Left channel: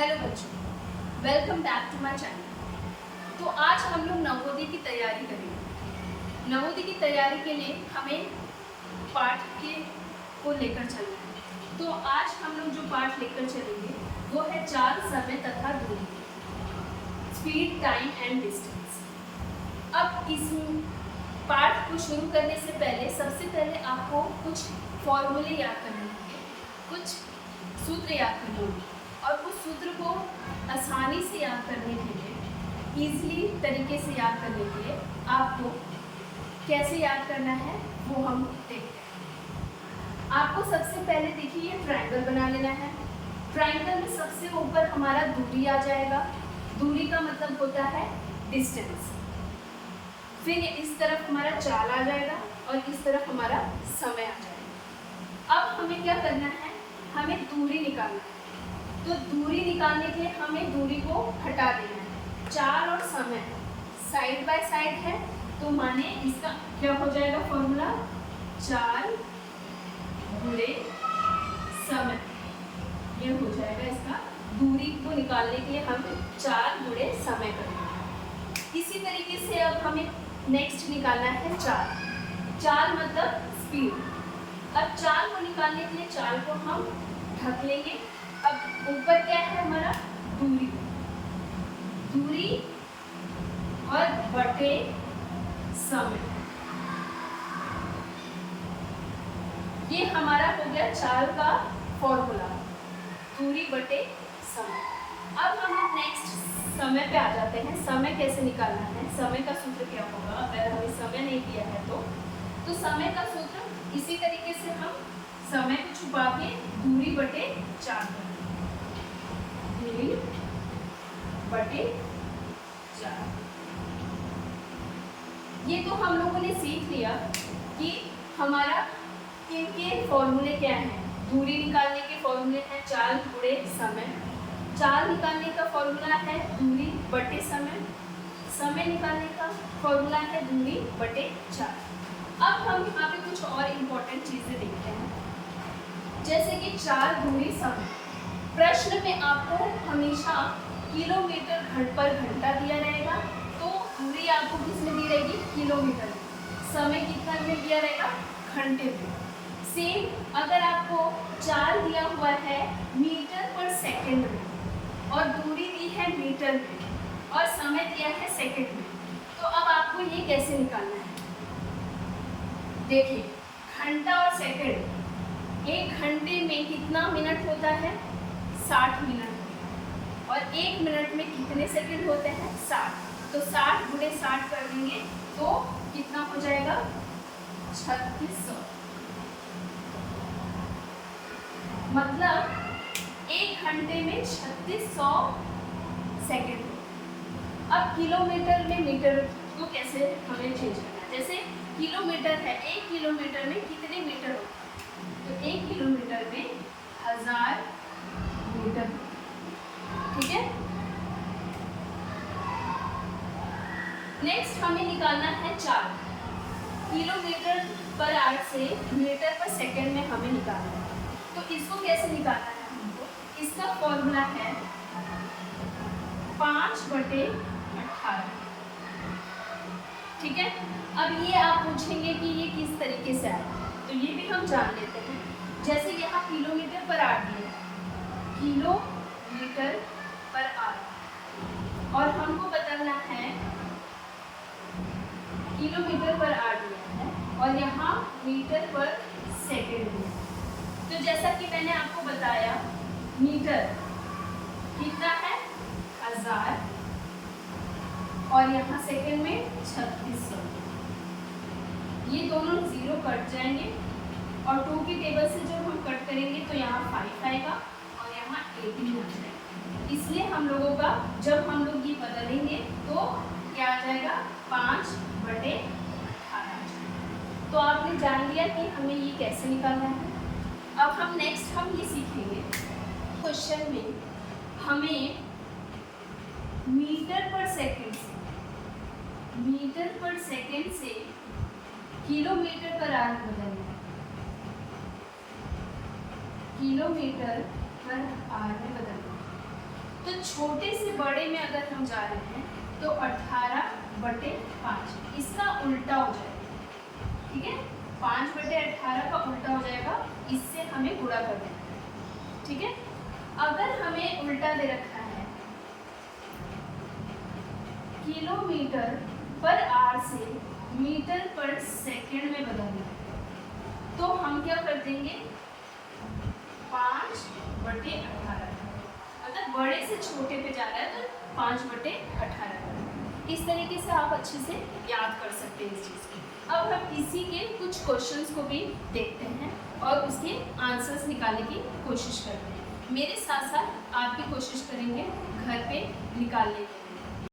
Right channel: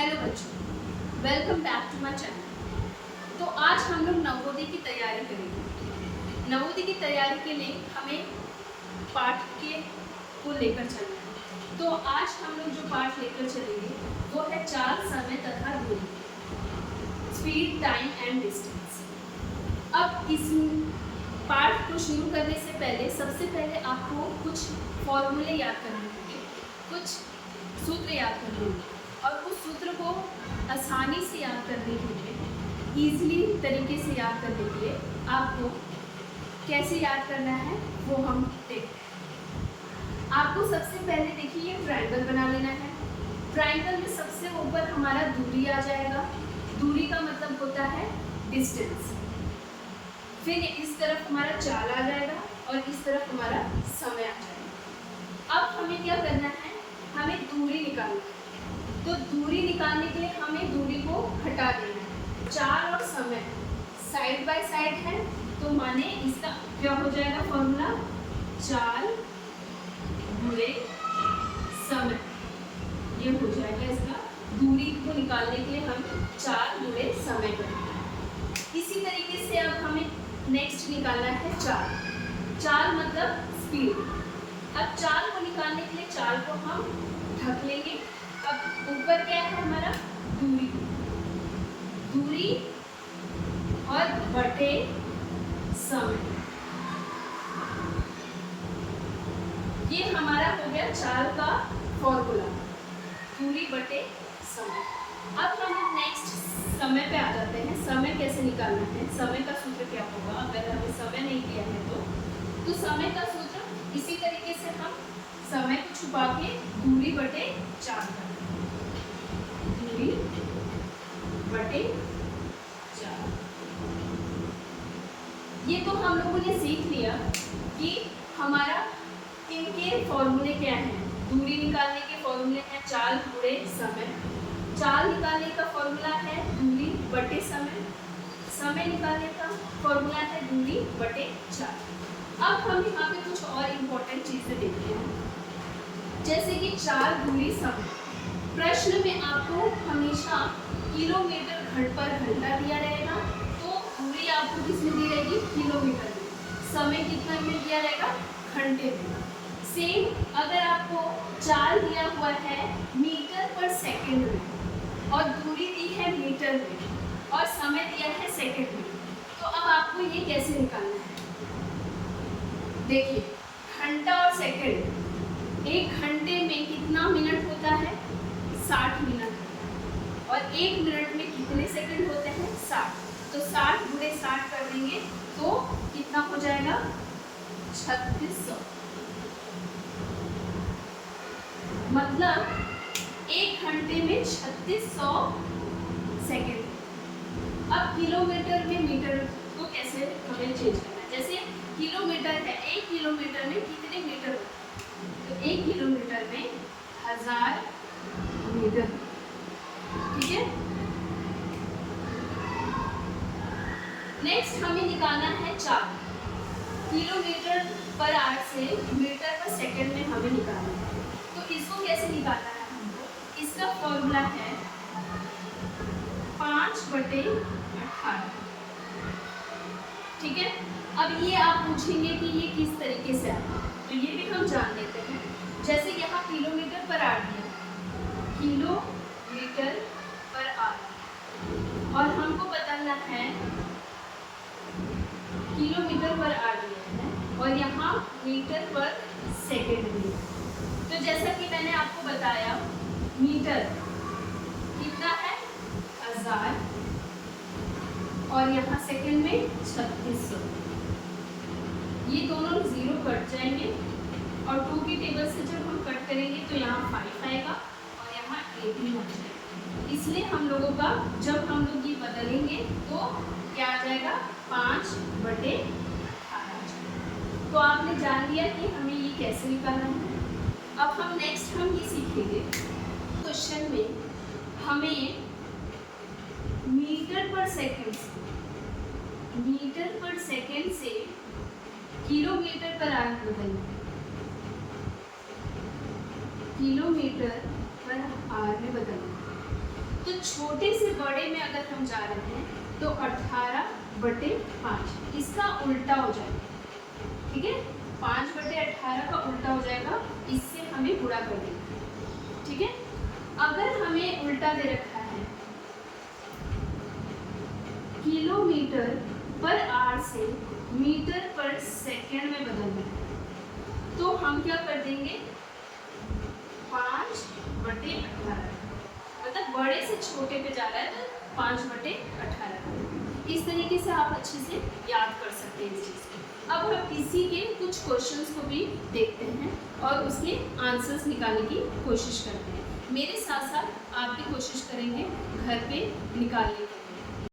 Hello बच्चों, welcome back to my channel. तो आज हम लोग नवोदय की तैयारी करेंगे। नवोदय की तैयारी के लिए हमें पाठ को लेकर चलना है। तो आज हम लोग जो पाठ लेकर चलेंगे वो है चाल, समय तथा दूरी, स्पीड, टाइम एंड डिस्टेंस। अब इस पाठ को शुरू करने से पहले सबसे पहले आपको कुछ फॉर्मूले याद करने होंगे, कुछ सूत्र याद करने होंगे, और उस सूत्र को आसानी से याद करने के लिए, ईजिली तरीके से याद करने के लिए आपको कैसे याद करना है वो हम देखते हैं। आपको सबसे पहले देखिए ट्रायंगल बना लेना है। ट्रायंगल में सबसे ऊपर हमारा दूरी आ जाएगा। दूरी का मतलब होता है डिस्टेंस। फिर इस तरफ हमारा चाल आ जाएगा और इस तरफ हमारा समय आ जाएगा। अब हमें क्या करना है, हमें दूरी निकालना है। तो दूरी निकालने के लिए हमें दूरी को हटा देना है। चाल और समय साइड बाय साइड है, तो माने इसका क्या हो जाएगा फॉर्मूला, चाल गुणे समय। ये हो जाएगा इसका। दूरी को निकालने के लिए हम चाल गुणे समय करेंगे। इसी तरीके से अब हमें नेक्स्ट निकालना है चाल। चाल मतलब स्पीड। अब चाल को निकालने के लिए चाल को हम ढक लेंगे। अब ऊपर क्या है हमारा, दूरी। दूरी और बटे समय, ये हमारा हो गया चाल का फॉर्मूला, दूरी बटे समय। अब हम लोग नेक्स्ट समय पे आ जाते हैं। समय कैसे निकालना है, समय का सूत्र क्या होगा अगर हमें समय नहीं दिया है तो समय का सूत्र इसी तरीके से हम समय को छुपा के दूरी बटे चाल करते हैं। दूरी बटे चाल। ये तो हम लोगों ने सीख लिया कि हमारा किनके फॉर्मूले क्या हैं। दूरी निकालने के फॉर्मूले हैं चाल गुणे समय। चाल निकालने का फॉर्मूला है दूरी बटे समय। समय निकालने का फॉर्मूला है दूरी बटे चाल। अब हम यहाँ पे कुछ और इम्पोर्टेंट चीजें देखते हैं, जैसे कि चाल दूरी समय। प्रश्न में आपको हमेशा किलोमीटर पर घंटा दिया रहेगा, तो दूरी आपको किस में दी रहेगी, किलोमीटर में। समय कितना में दिया रहेगा, घंटे में। सेम अगर आपको चाल दिया हुआ है मीटर पर सेकंड में और दूरी दी है मीटर में और समय दिया है सेकंड में, तो अब आपको ये कैसे निकालना है। देखिए घंटा और सेकंड, एक घंटे में कितना मिनट होता है, 60 मिनट होता है। और एक मिनट में कितने सेकंड होते हैं, 60। तो 60 गुणे 60 कर देंगे तो कितना हो जाएगा, 3600। मतलब एक घंटे में 3600 सेकंड। अब किलोमीटर में मीटर को कैसे हमें चेंज करना है। जैसे किलोमीटर है, 1 किलोमीटर में कितने मीटर होते हैं, तो 1 किलोमीटर में 1000 मीटर। ठीक है। नेक्स्ट हमें निकालना है चाल। किलोमीटर पर आवर से मीटर पर सेकंड में हमें निकालना है। तो इसको कैसे निकालना है हमको, इसका फॉर्मूला है 5/18। ठीक है। अब ये आप पूछेंगे कि ये किस तरीके से आया, तो ये भी हम जान लेते हैं। जैसे यहाँ किलोमीटर पर आवर दिया, किलोमीटर पर आवर, और हमको बताना है किलोमीटर पर आवर दिया है और यहाँ मीटर पर सेकंड दिया। तो जैसा कि मैंने आपको बताया, मीटर कितना है, 1000, और यहाँ सेकंड में 3600। ये दोनों जीरो कट जाएंगे और 2 की टेबल से जब हम कट करेंगे तो यहाँ 5 आएगा और यहाँ 18 आ जाएगा। इसलिए हम लोगों का जब हम लोग ये बदलेंगे तो क्या आ जाएगा, 5/18। तो आपने जान लिया कि हमें ये कैसे निकालना है। अब हम नेक्स्ट ये सीखेंगे, क्वेश्चन में हमें मीटर पर सेकंड से किलोमीटर पर आवर बदलना है। किलोमीटर पर आवर में बदलना है। तो छोटे से बड़े में अगर हम जा रहे हैं तो 18/5 इसका उल्टा हो जाएगा, ठीक है। 5/18 का उल्टा हो जाएगा, इससे हमें गुणा कर देना है, ठीक है। अगर हमें उल्टा दे रखा है km/h से मीटर/सेकेंड में बदलना है, तो हम क्या कर देंगे 5/18, मतलब बड़े से छोटे पे जा रहा है तो 5/18। इस तरीके से आप अच्छे से याद कर सकते हैं इस चीज़ को। अब हम इसी के कुछ क्वेश्चंस को भी देखते हैं और उसके आंसर्स निकालने की कोशिश करते हैं। मेरे साथ साथ आप भी कोशिश करेंगे घर पे निकालने की।